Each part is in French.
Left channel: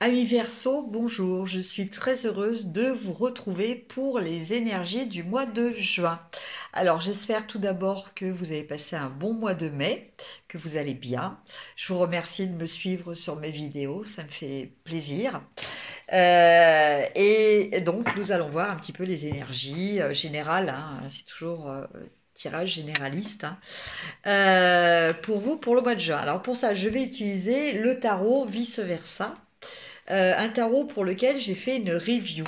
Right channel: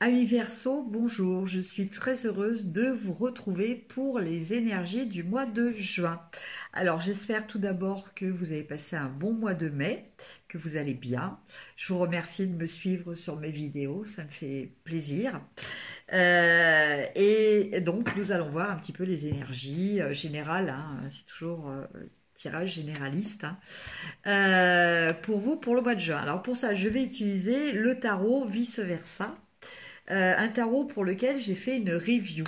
Amis Verseau, bonjour, je suis très heureuse de vous retrouver pour les énergies du mois de juin. Alors j'espère tout d'abord que vous avez passé un bon mois de mai, que vous allez bien. Je vous remercie de me suivre sur mes vidéos, ça me fait plaisir. Et donc nous allons voir un petit peu les énergies générales, hein, c'est toujours tirage généraliste, hein. Pour vous, pour le mois de juin. Alors pour ça, je vais utiliser le tarot vice-versa. Un tarot pour lequel j'ai fait une review.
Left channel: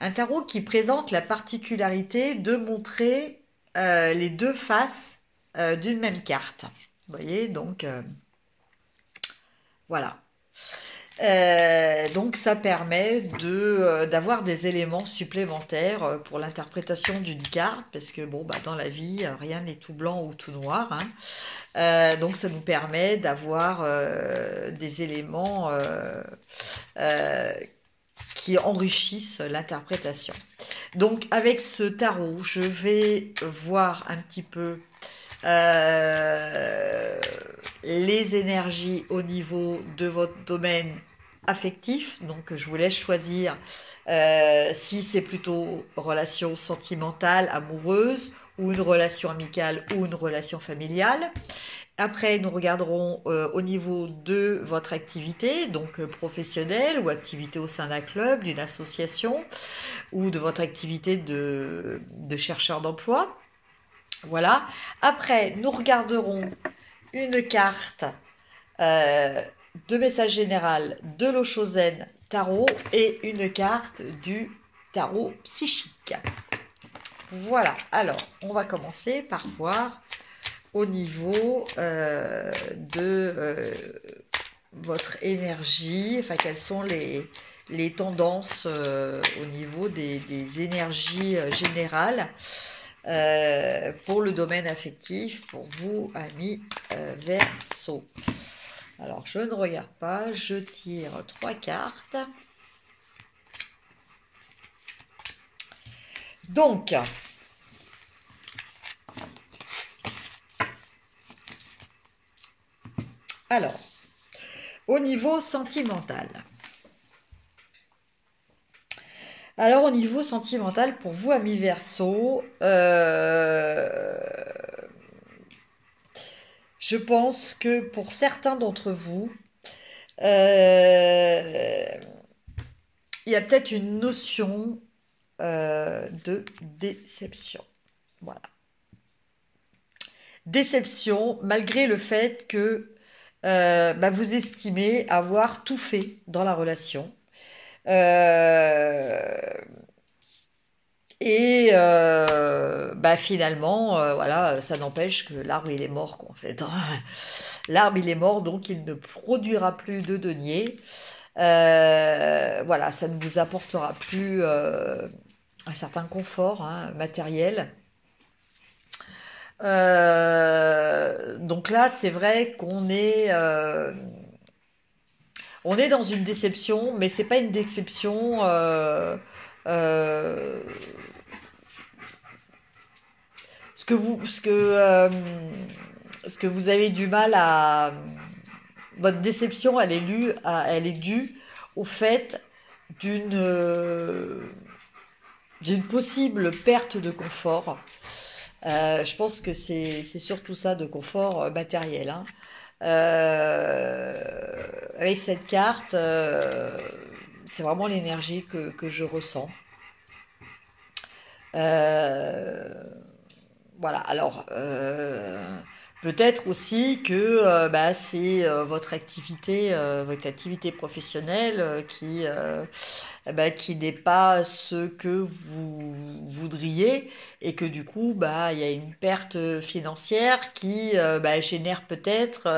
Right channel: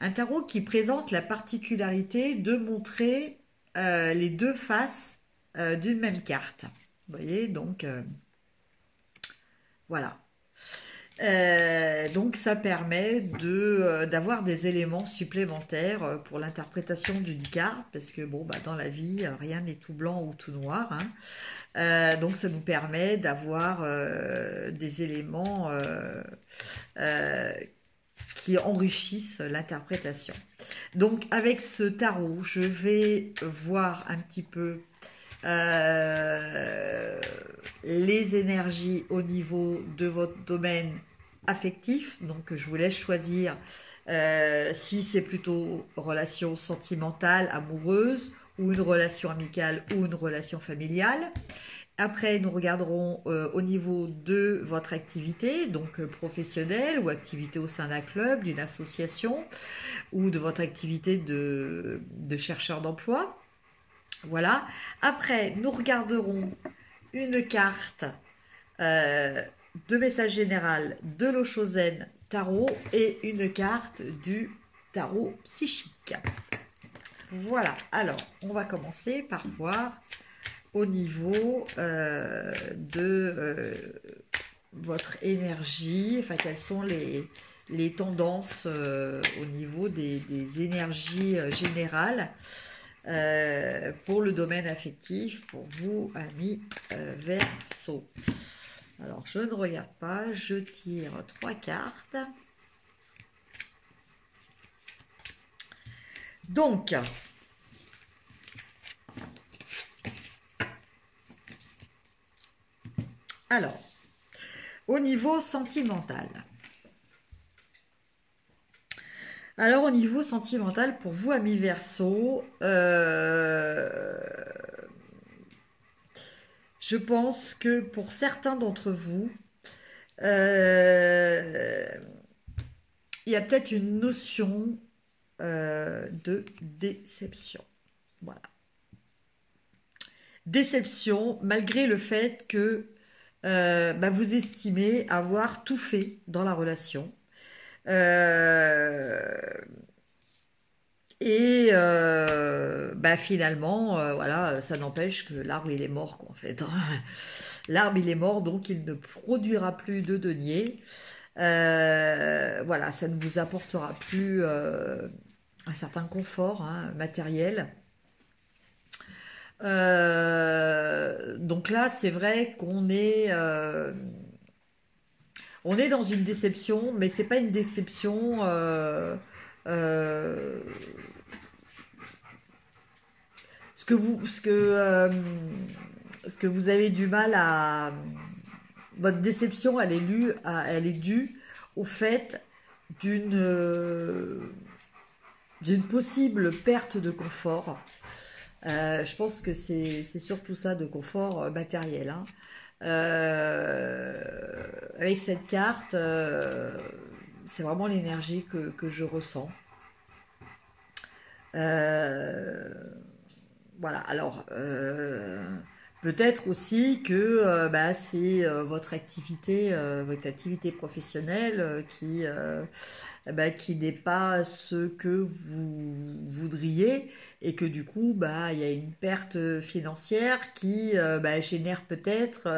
Un tarot qui présente la particularité de montrer les deux faces d'une même carte. Vous voyez, donc voilà. Donc ça permet d'avoir des éléments supplémentaires pour l'interprétation d'une carte, parce que bon, bah, dans la vie, rien n'est tout blanc ou tout noir, hein. Donc ça nous permet d'avoir des éléments euh, qui enrichissent l'interprétation. Donc avec ce tarot, je vais voir un petit peu les énergies au niveau de votre domaine affectif. Donc je vous laisse choisir si c'est plutôt relation sentimentale, amoureuse, ou une relation amicale ou une relation familiale. Après, nous regarderons au niveau de votre activité, donc professionnelle ou activité au sein d'un club, d'une association, ou de votre activité de chercheur d'emploi. Voilà. Après, nous regarderons une carte euh, de message général de l'Oshozen Tarot et une carte du tarot psychique. Voilà. Alors, on va commencer par voir au niveau de votre énergie, enfin quelles sont les tendances au niveau des énergies générales pour le domaine affectif, pour vous, amis Verseau. Alors, je ne regarde pas, je tire 3 cartes. Donc, alors, au niveau sentimental. Alors, au niveau sentimental, pour vous, amis Verseau, je pense que pour certains d'entre vous, il y a peut-être une notion de déception. Voilà. Déception, malgré le fait que vous estimez avoir tout fait dans la relation. Euh, Finalement, voilà, ça n'empêche que l'arbre il est mort, quoi, en fait. L'arbre il est mort, donc il ne produira plus de denier. Voilà, ça ne vous apportera plus un certain confort, hein, matériel. Donc là, c'est vrai on est dans une déception, mais c'est pas une déception euh, ce que vous ce que vous avez du mal à votre déception, elle est due au fait d'une d'une possible perte de confort. Je pense que c'est surtout ça, de confort matériel, hein. Euh, Avec cette carte, c'est vraiment l'énergie que je ressens. Euh, voilà, alors peut-être aussi que c'est votre activité professionnelle qui n'est pas ce que vous voudriez, et que du coup, il y a une perte financière qui génère peut-être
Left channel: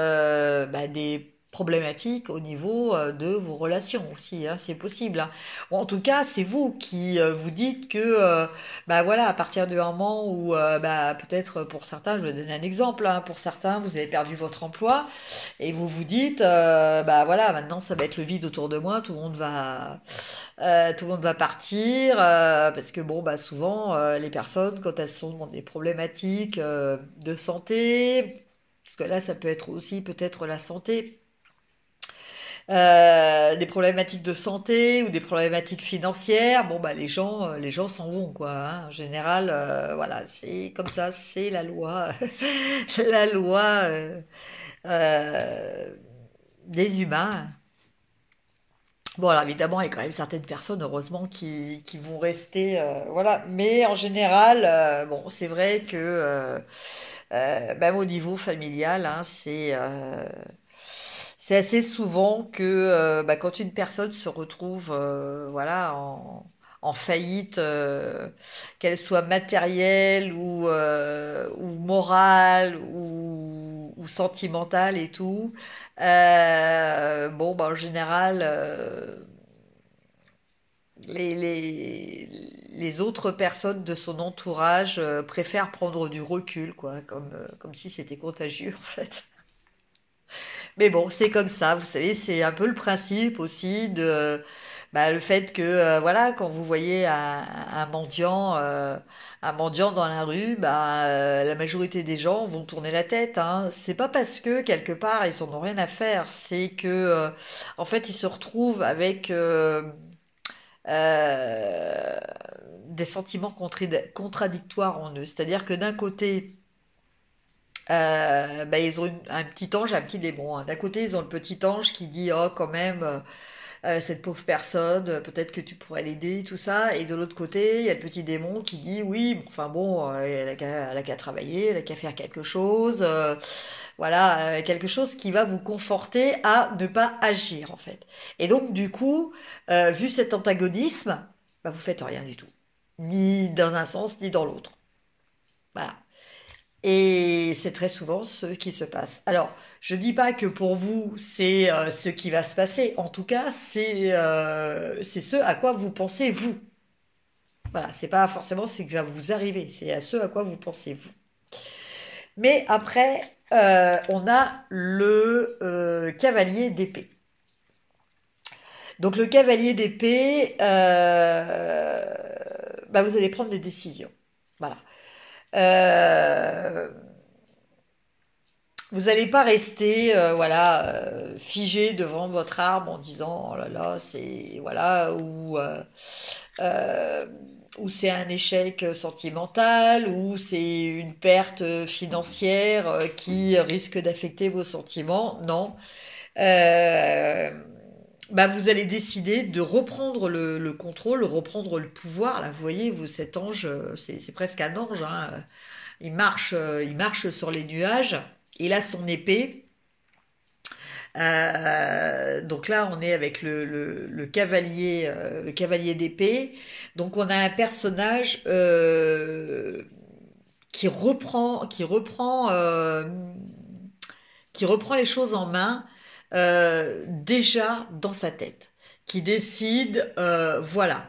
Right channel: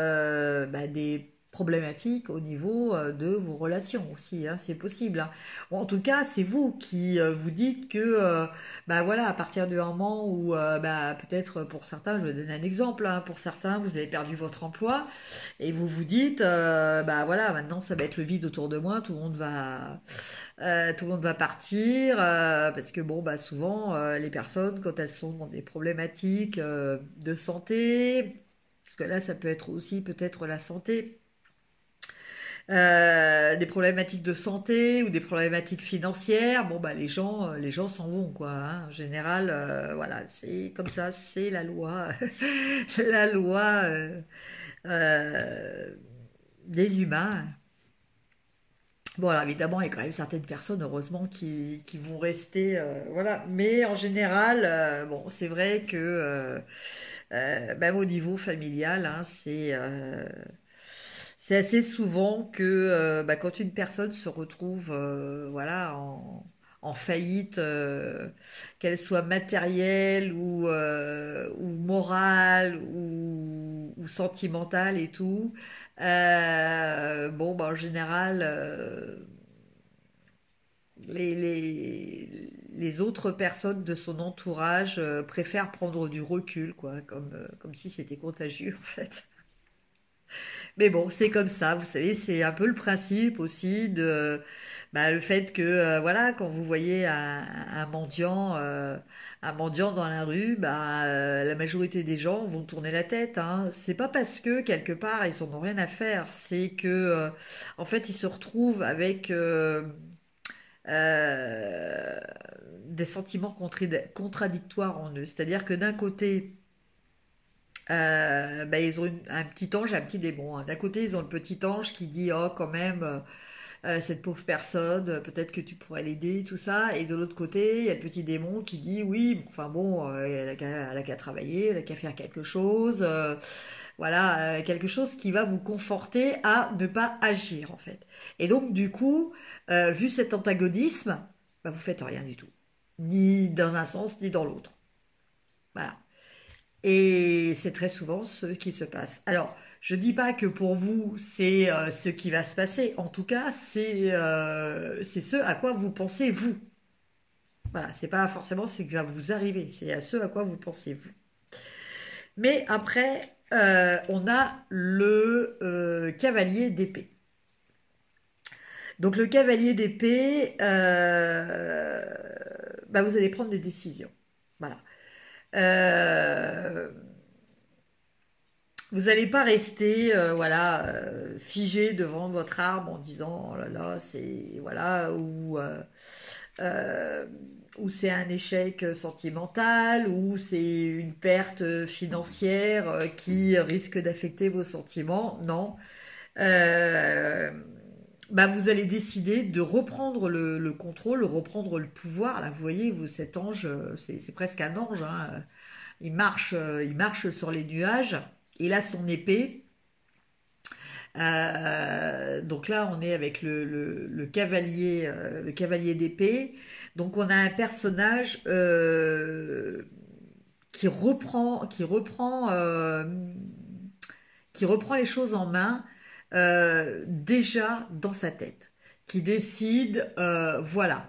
des problématiques au niveau de vos relations aussi, hein, c'est possible, hein. Ou en tout cas, c'est vous qui vous dites que voilà, à partir du moment où peut-être pour certains, je vais donner un exemple, hein, pour certains, vous avez perdu votre emploi et vous vous dites voilà, maintenant ça va être le vide autour de moi, tout le monde va partir, parce que bon, souvent les personnes, quand elles sont dans des problématiques de santé, parce que là ça peut être aussi peut-être la santé, des problématiques de santé ou des problématiques financières, bon bah les gens s'en vont quoi, hein. En général, voilà, c'est comme ça, c'est la loi, la loi euh, des humains. Bon, alors évidemment, il y a quand même certaines personnes, heureusement, qui vont rester, voilà. Mais en général, bon, c'est vrai que même au niveau familial, hein, c'est assez souvent que bah, quand une personne se retrouve voilà, en faillite, qu'elle soit matérielle ou morale ou sentimentale et tout, bon, bah, en général, les autres personnes de son entourage préfèrent prendre du recul, quoi, comme si c'était contagieux en fait. Mais bon, c'est comme ça, vous savez, c'est un peu le principe aussi de bah, le fait que voilà, quand vous voyez un mendiant dans la rue, bah, la majorité des gens vont tourner la tête, hein. C'est pas parce que quelque part ils en ont rien à faire, c'est que en fait ils se retrouvent avec euh, des sentiments contradictoires en eux. C'est-à-dire que d'un côté bah, ils ont un petit ange, un petit démon, hein. D'un côté, ils ont le petit ange qui dit oh quand même cette pauvre personne, peut-être que tu pourrais l'aider, tout ça. Et de l'autre côté, il y a le petit démon qui dit oui, bon, enfin bon, elle a qu'à travailler, elle a qu'à faire quelque chose, voilà, quelque chose qui va vous conforter à ne pas agir en fait. Et donc du coup, vu cet antagonisme, bah, vous faites rien du tout, ni dans un sens ni dans l'autre. Voilà. Et c'est très souvent ce qui se passe. Alors, je dis pas que pour vous, c'est ce qui va se passer. En tout cas, c'est ce à quoi vous pensez vous. Voilà, c'est pas forcément ce qui va vous arriver, c'est à ce à quoi vous pensez vous. Mais après, on a le cavalier d'épée. Donc le cavalier d'épée, bah, vous allez prendre des décisions. Voilà. Euh, Vous n'allez pas rester, voilà, figé devant votre arbre en disant oh là là, c'est voilà euh, ou c'est un échec sentimental ou c'est une perte financière qui risque d'affecter vos sentiments. Non, Euh, bah vous allez décider de reprendre le contrôle, reprendre le pouvoir. Là, vous voyez, vous cet ange, c'est presque un ange, hein. Il marche sur les nuages. Il a son épée. Donc là, on est avec le cavalier d'épée. Donc on a un personnage qui reprend les choses en main déjà dans sa tête, qui décide, voilà,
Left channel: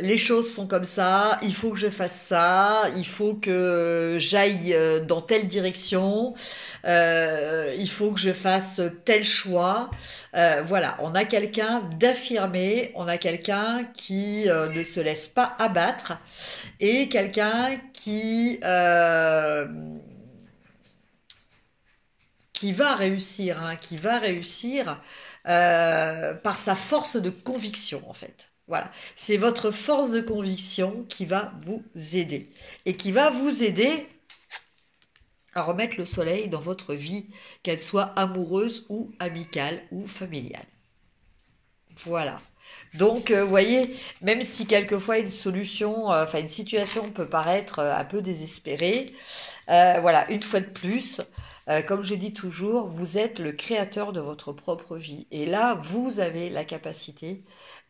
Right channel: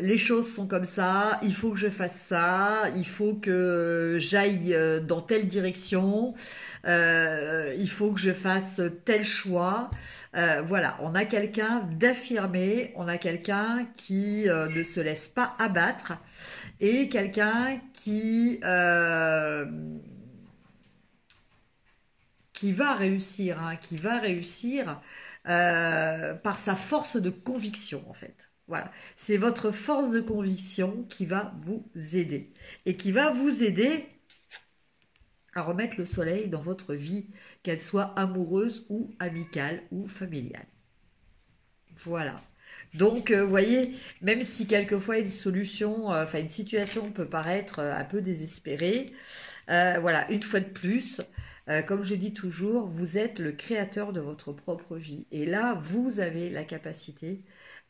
les choses sont comme ça, il faut que je fasse ça, il faut que j'aille dans telle direction, il faut que je fasse tel choix. Voilà, on a quelqu'un d'affirmé, on a quelqu'un qui ne se laisse pas abattre et quelqu'un qui va réussir, hein, qui va réussir par sa force de conviction en fait. Voilà, c'est votre force de conviction qui va vous aider et qui va vous aider à remettre le soleil dans votre vie, qu'elle soit amoureuse ou amicale ou familiale. Voilà. Donc, vous voyez, même si quelquefois une solution, enfin une situation peut paraître un peu désespérée, voilà, une fois de plus, comme je dis toujours, vous êtes le créateur de votre propre vie. Et là, vous avez la capacité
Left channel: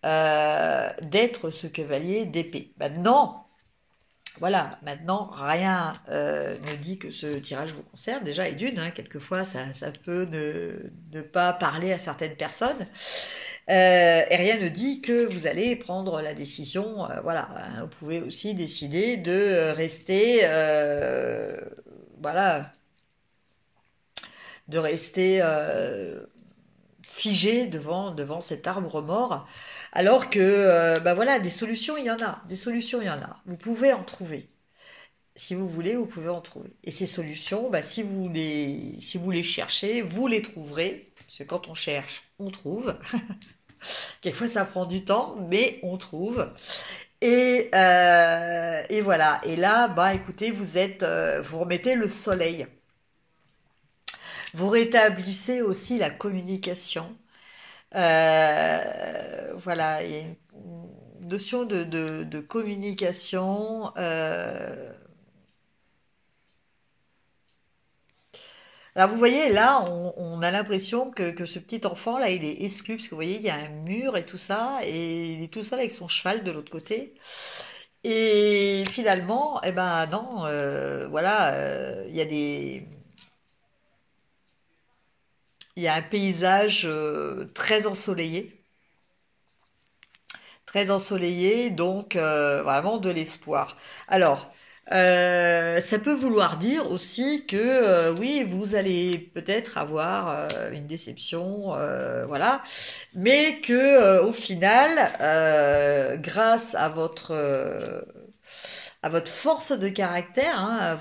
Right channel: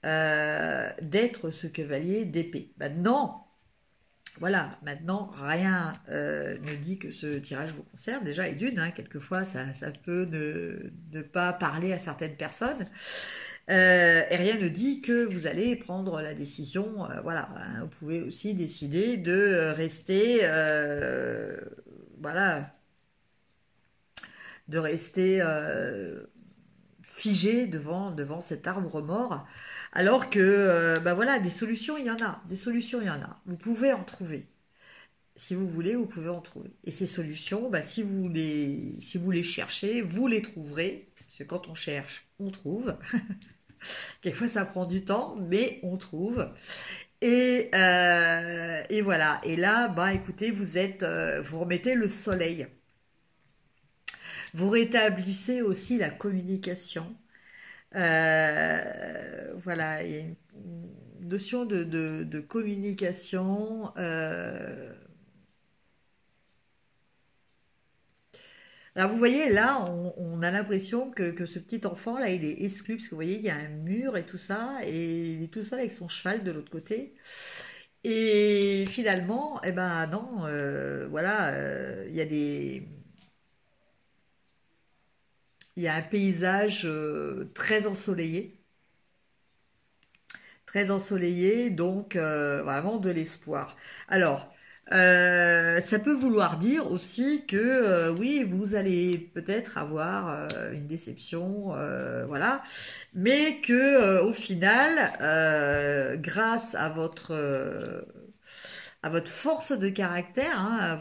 d'être ce cavalier d'épée. Maintenant, voilà, maintenant, rien ne dit que ce tirage vous concerne. Déjà, et d'une, hein, quelquefois, ça peut ne pas parler à certaines personnes. Et rien ne dit que vous allez prendre la décision. Voilà, hein, vous pouvez aussi décider de rester, voilà, de rester figé devant cet arbre mort, alors que, bah voilà, des solutions, il y en a. Des solutions, il y en a. Vous pouvez en trouver. Si vous voulez, vous pouvez en trouver. Et ces solutions, bah, si vous les cherchez, vous les trouverez. Parce que quand on cherche, on trouve. Quelquefois, ça prend du temps, mais on trouve. Et voilà. Et là, bah, écoutez, vous remettez le soleil. Vous rétablissez aussi la communication. Voilà, il y a une notion de communication. Alors vous voyez, là, on a l'impression que ce petit enfant, là, il est exclu, parce que vous voyez, il y a un mur et tout ça, et il est tout seul avec son cheval de l'autre côté. Et finalement, eh ben non, voilà, il y a un paysage très ensoleillé, donc vraiment de l'espoir. Alors, ça peut vouloir dire aussi que oui, vous allez peut-être avoir une déception, voilà, mais que au final, grâce à votre force de caractère, hein,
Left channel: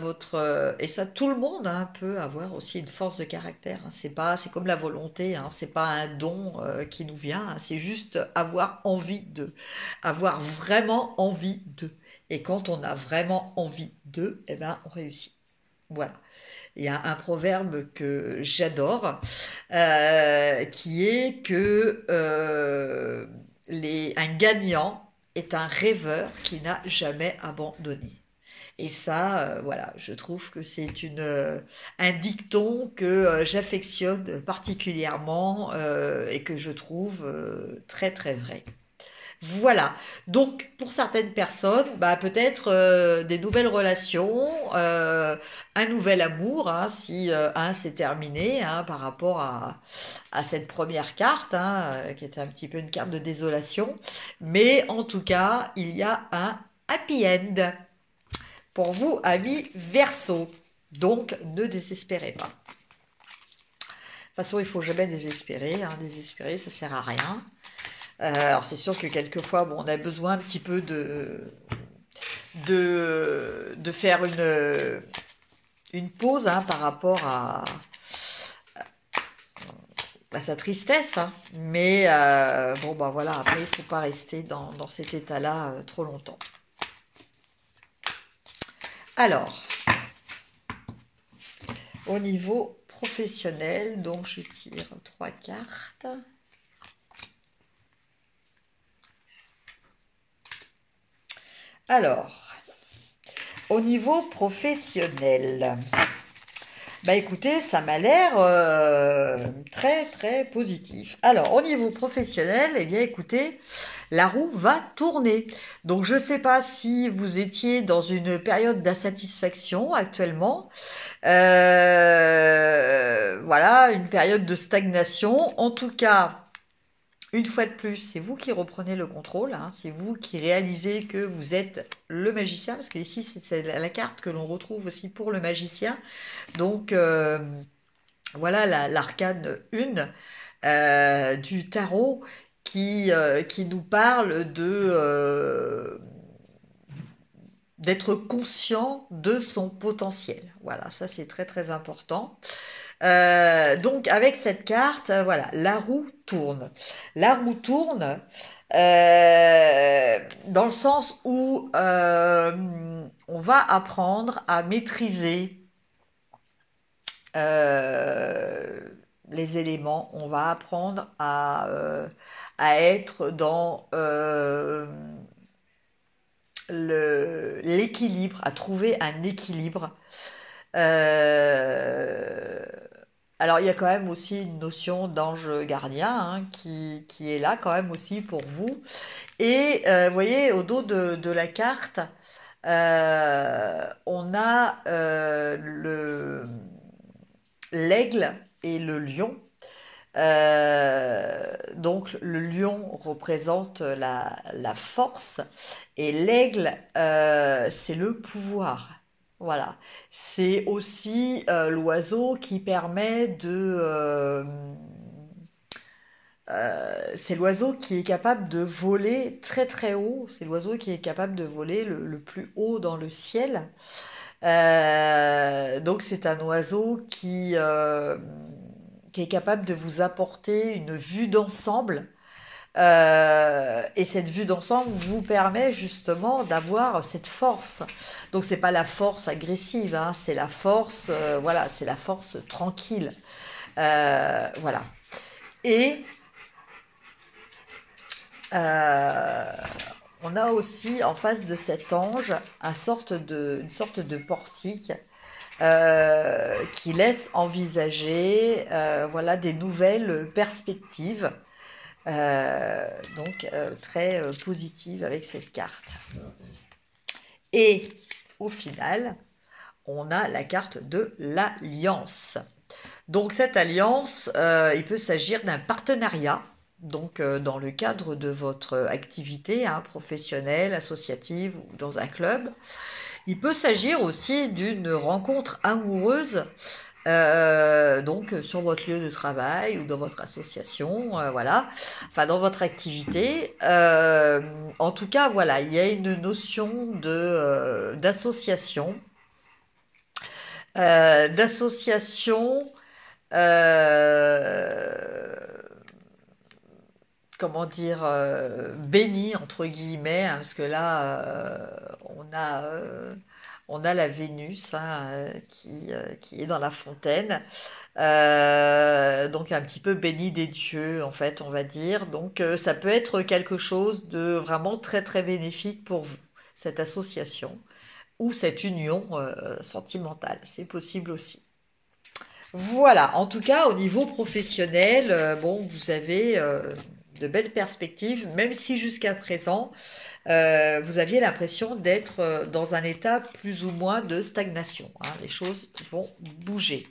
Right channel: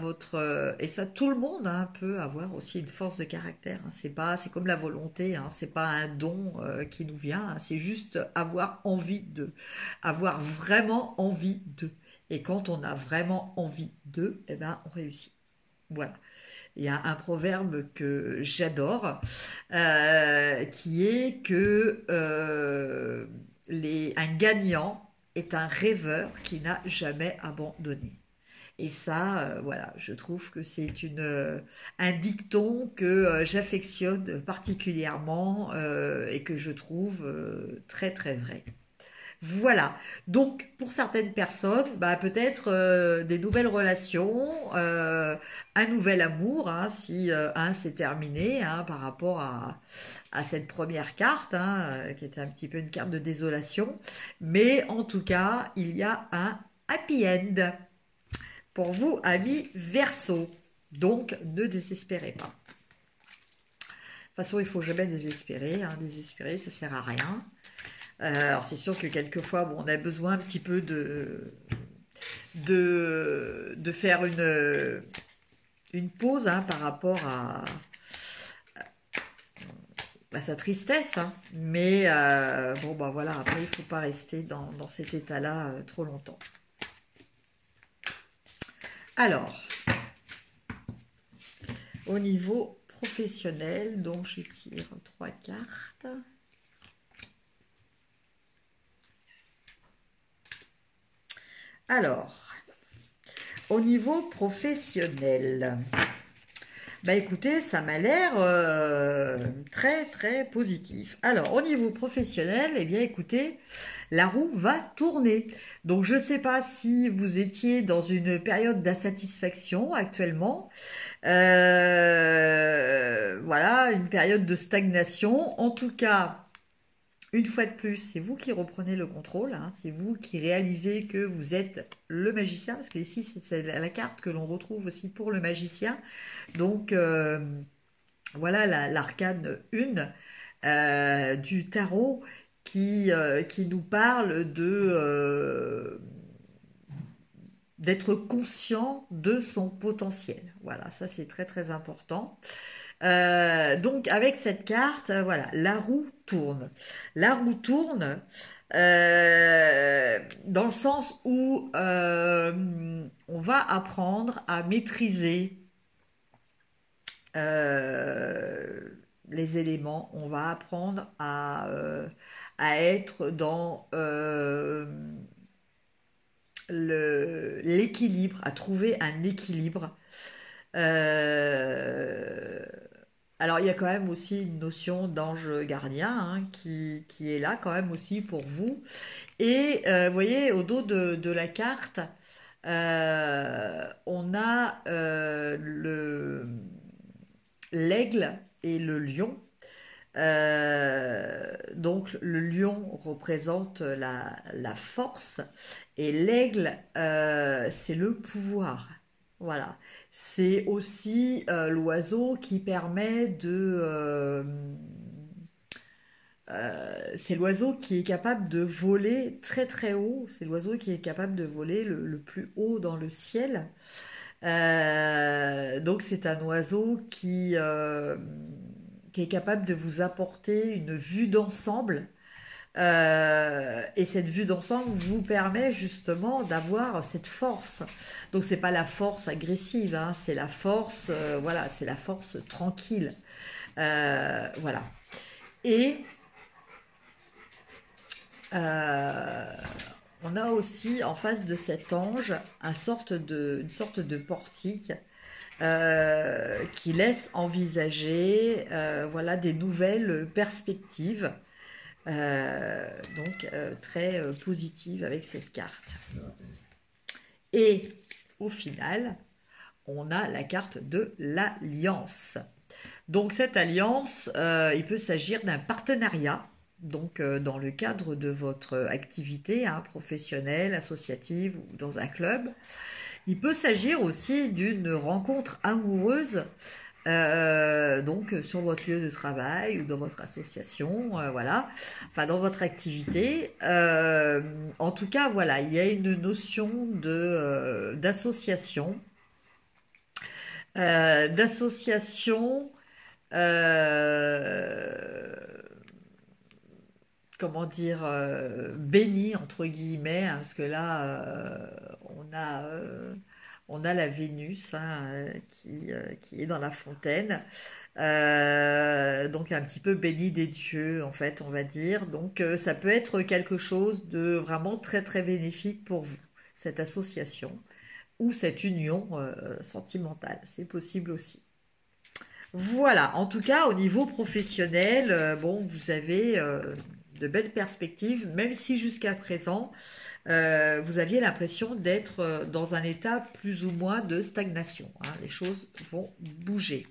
et ça tout le monde hein, peut avoir aussi une force de caractère. Hein, c'est comme la volonté, hein, c'est pas un don qui nous vient, hein, c'est juste avoir vraiment envie de. Et quand on a vraiment envie de, eh ben on réussit. Voilà. Il y a un proverbe que j'adore, qui est que un gagnant est un rêveur qui n'a jamais abandonné. Et ça, voilà, je trouve que c'est un dicton que j'affectionne particulièrement et que je trouve très très vrai. Voilà. Donc, pour certaines personnes, bah, peut-être des nouvelles relations, un nouvel amour, hein, si un c'est terminé hein, par rapport à cette première carte, hein, qui était un petit peu une carte de désolation. Mais en tout cas, il y a un happy end pour vous, amis Verseau. Donc, ne désespérez pas. De toute façon, il faut jamais désespérer. Hein. Désespérer, ça sert à rien. Alors c'est sûr que quelquefois bon, on a besoin un petit peu de faire une pause hein, par rapport à sa tristesse. Hein. Mais bon bah voilà, après il ne faut pas rester dans cet état-là trop longtemps. Alors, au niveau professionnel, donc je tire 3 cartes. Alors, au niveau professionnel, bah écoutez, ça m'a l'air très très positif. Alors, au niveau professionnel, eh bien écoutez, la roue va tourner. Donc, je ne sais pas si vous étiez dans une période d'insatisfaction actuellement. Voilà, une période de stagnation. En tout cas, une fois de plus, c'est vous qui reprenez le contrôle, hein, c'est vous qui réalisez que vous êtes le magicien, parce que ici c'est la carte que l'on retrouve aussi pour le magicien. Donc voilà l'arcane 1 du tarot qui nous parle d'être conscient de son potentiel. Voilà, ça c'est très très important. Donc avec cette carte, voilà, la roue tourne. La roue tourne dans le sens où on va apprendre à maîtriser les éléments, on va apprendre à être dans l'équilibre, à trouver un équilibre. Euh, alors il y a quand même aussi une notion d'ange gardien hein, qui est là quand même aussi pour vous. Et vous voyez au dos de la carte, on a l'aigle et le lion. Donc le lion représente la force et l'aigle c'est le pouvoir. Voilà, c'est aussi l'oiseau qui permet c'est l'oiseau qui est capable de voler très très haut. C'est l'oiseau qui est capable de voler le plus haut dans le ciel. Donc c'est un oiseau qui est capable de vous apporter une vue d'ensemble. Et cette vue d'ensemble vous permet justement d'avoir cette force. Donc c'est pas la force agressive, hein, c'est la force, voilà, c'est la force tranquille. Voilà. Et on a aussi en face de cet ange une sorte de portique qui laisse envisager voilà, des nouvelles perspectives. Donc très positive avec cette carte. Et au final, on a la carte de l'alliance. Donc cette alliance, il peut s'agir d'un partenariat, donc dans le cadre de votre activité professionnelle, associative ou dans un club. Il peut s'agir aussi d'une rencontre amoureuse, donc sur votre lieu de travail ou dans votre association, voilà, enfin dans votre activité. En tout cas, voilà, il y a une notion d'association, comment dire, bénie entre guillemets, hein, parce que là, on a la Vénus qui est dans la fontaine, donc un petit peu bénie des dieux, en fait, on va dire. Donc ça peut être quelque chose de vraiment très très bénéfique pour vous, cette association ou cette union sentimentale. C'est possible aussi. Voilà, en tout cas, au niveau professionnel, bon, vous avez de belles perspectives, même si jusqu'à présent, vous aviez l'impression d'être dans un état plus ou moins de stagnation. Hein. Les choses vont bouger.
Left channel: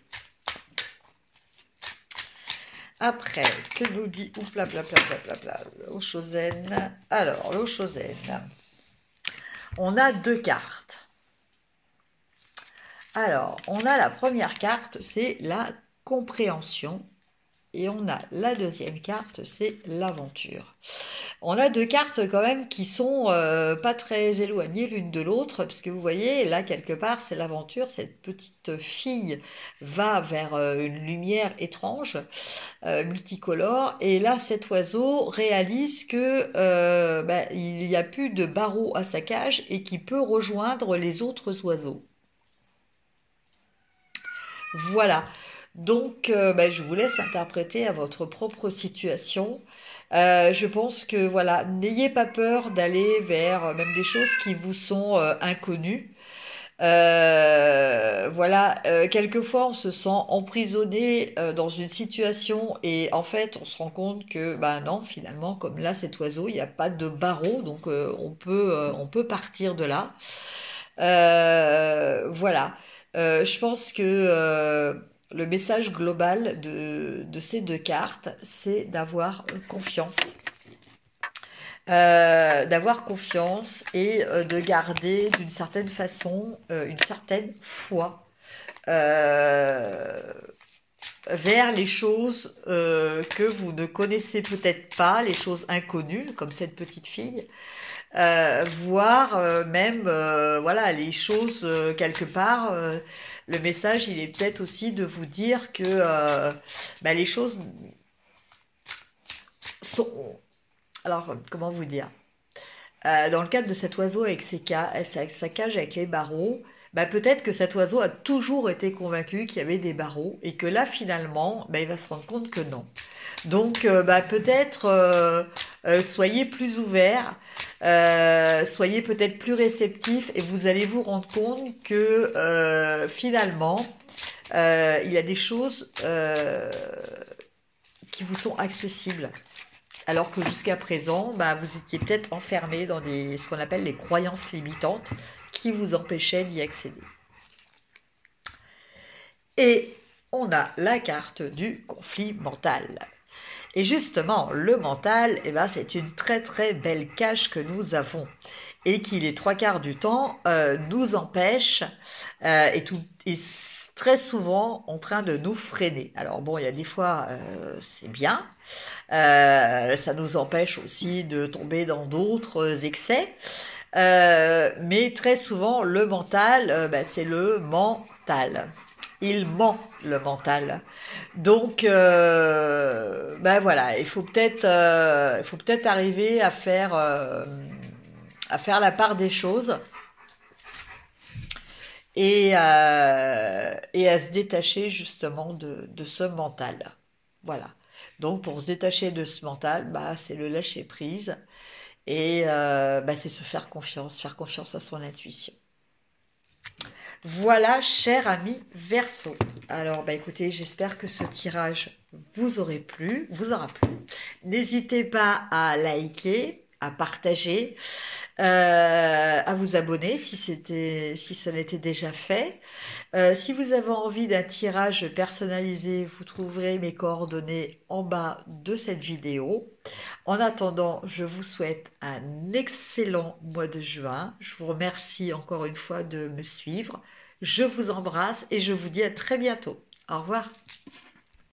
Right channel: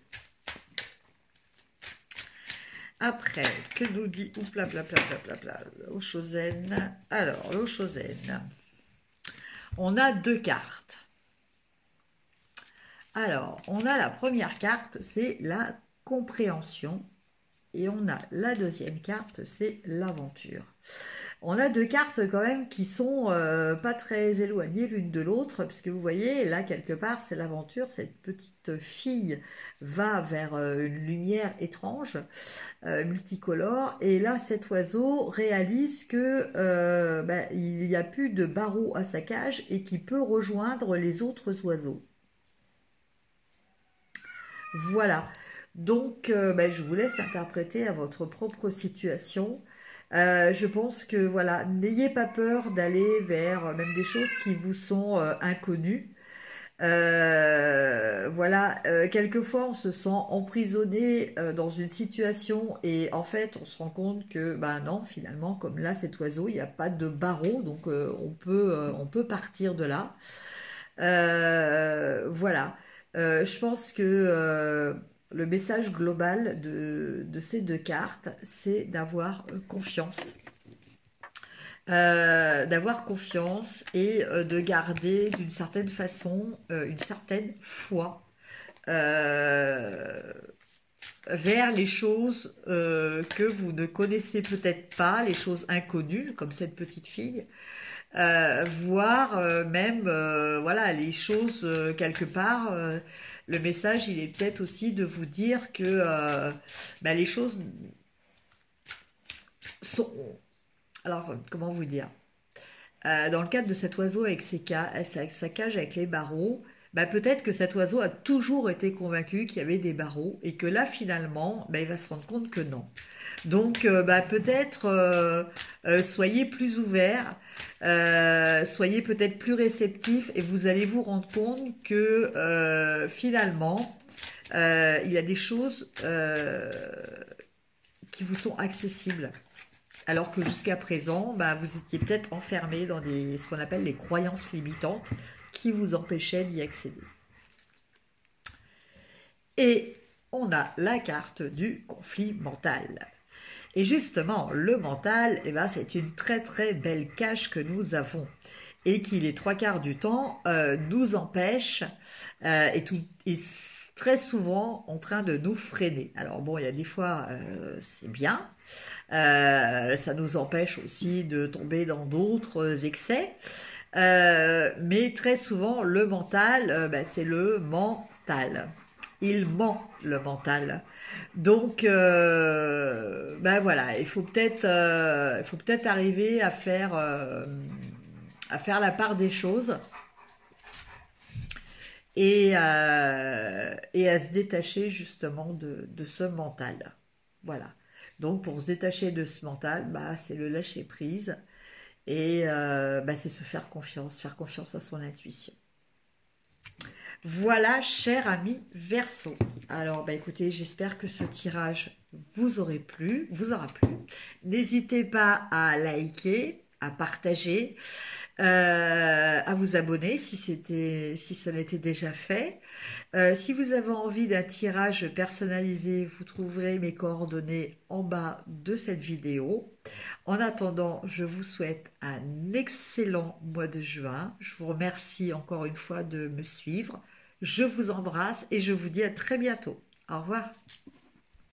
Après, que nous dit... Oupla, bla, bla, bla, bla, bla, l'Oshozen. Alors, l'Oshozen. On a deux cartes. Alors, on a la première carte, c'est la compréhension. Et on a la deuxième carte, c'est l'aventure. On a deux cartes quand même qui sont pas très éloignées l'une de l'autre, parce que vous voyez, là, quelque part, c'est l'aventure. Cette petite fille va vers une lumière étrange, multicolore. Et là, cet oiseau réalise que il n'y a plus de barreaux à sa cage et qu'il peut rejoindre les autres oiseaux. Voilà. Donc, je vous laisse interpréter à votre propre situation. Je pense que, voilà, n'ayez pas peur d'aller vers même des choses qui vous sont inconnues. Voilà, quelquefois on se sent emprisonné dans une situation et en fait on se rend compte que, non, finalement, comme là cet oiseau, il n'y a pas de barreau, donc on peut partir de là. Voilà. Je pense que le message global de ces deux cartes, c'est d'avoir confiance. D'avoir confiance et de garder d'une certaine façon une certaine foi vers les choses que vous ne connaissez peut-être pas, les choses inconnues, comme cette petite fille. Voire même voilà, les choses quelque part, le message il est peut-être aussi de vous dire que les choses sont, alors comment vous dire, dans le cadre de cet oiseau avec sa cage avec les barreaux, peut-être que cet oiseau a toujours été convaincu qu'il y avait des barreaux et que là finalement il va se rendre compte que non. Donc peut-être soyez plus ouverts, soyez peut-être plus réceptifs et vous allez vous rendre compte que finalement il y a des choses qui vous sont accessibles. Alors que jusqu'à présent, vous étiez peut-être enfermé dans ce qu'on appelle les croyances limitantes qui vous empêchaient d'y accéder. Et on a la carte du conflit mental. Et justement, le mental, c'est une très très belle cage que nous avons et qui, les trois quarts du temps, nous empêche et très souvent en train de nous freiner. Alors bon, il y a des fois, c'est bien, ça nous empêche aussi de tomber dans d'autres excès, mais très souvent, le mental, c'est le mental. il ment le mental. Donc, ben voilà, il faut peut-être arriver à faire la part des choses et à se détacher justement de ce mental. Voilà. Donc, pour se détacher de ce mental, bah, c'est le lâcher prise et bah, c'est se faire confiance à son intuition. Voilà, cher ami Verseau. Alors, bah écoutez, j'espère que ce tirage vous aura plu. N'hésitez pas à liker, à partager, à vous abonner si ce n'était déjà fait. Si vous avez envie d'un tirage personnalisé, vous trouverez mes coordonnées en bas de cette vidéo. En attendant, je vous souhaite un excellent mois de juin. Je vous remercie encore une fois de me suivre. Je vous embrasse et je vous dis à très bientôt. Au revoir.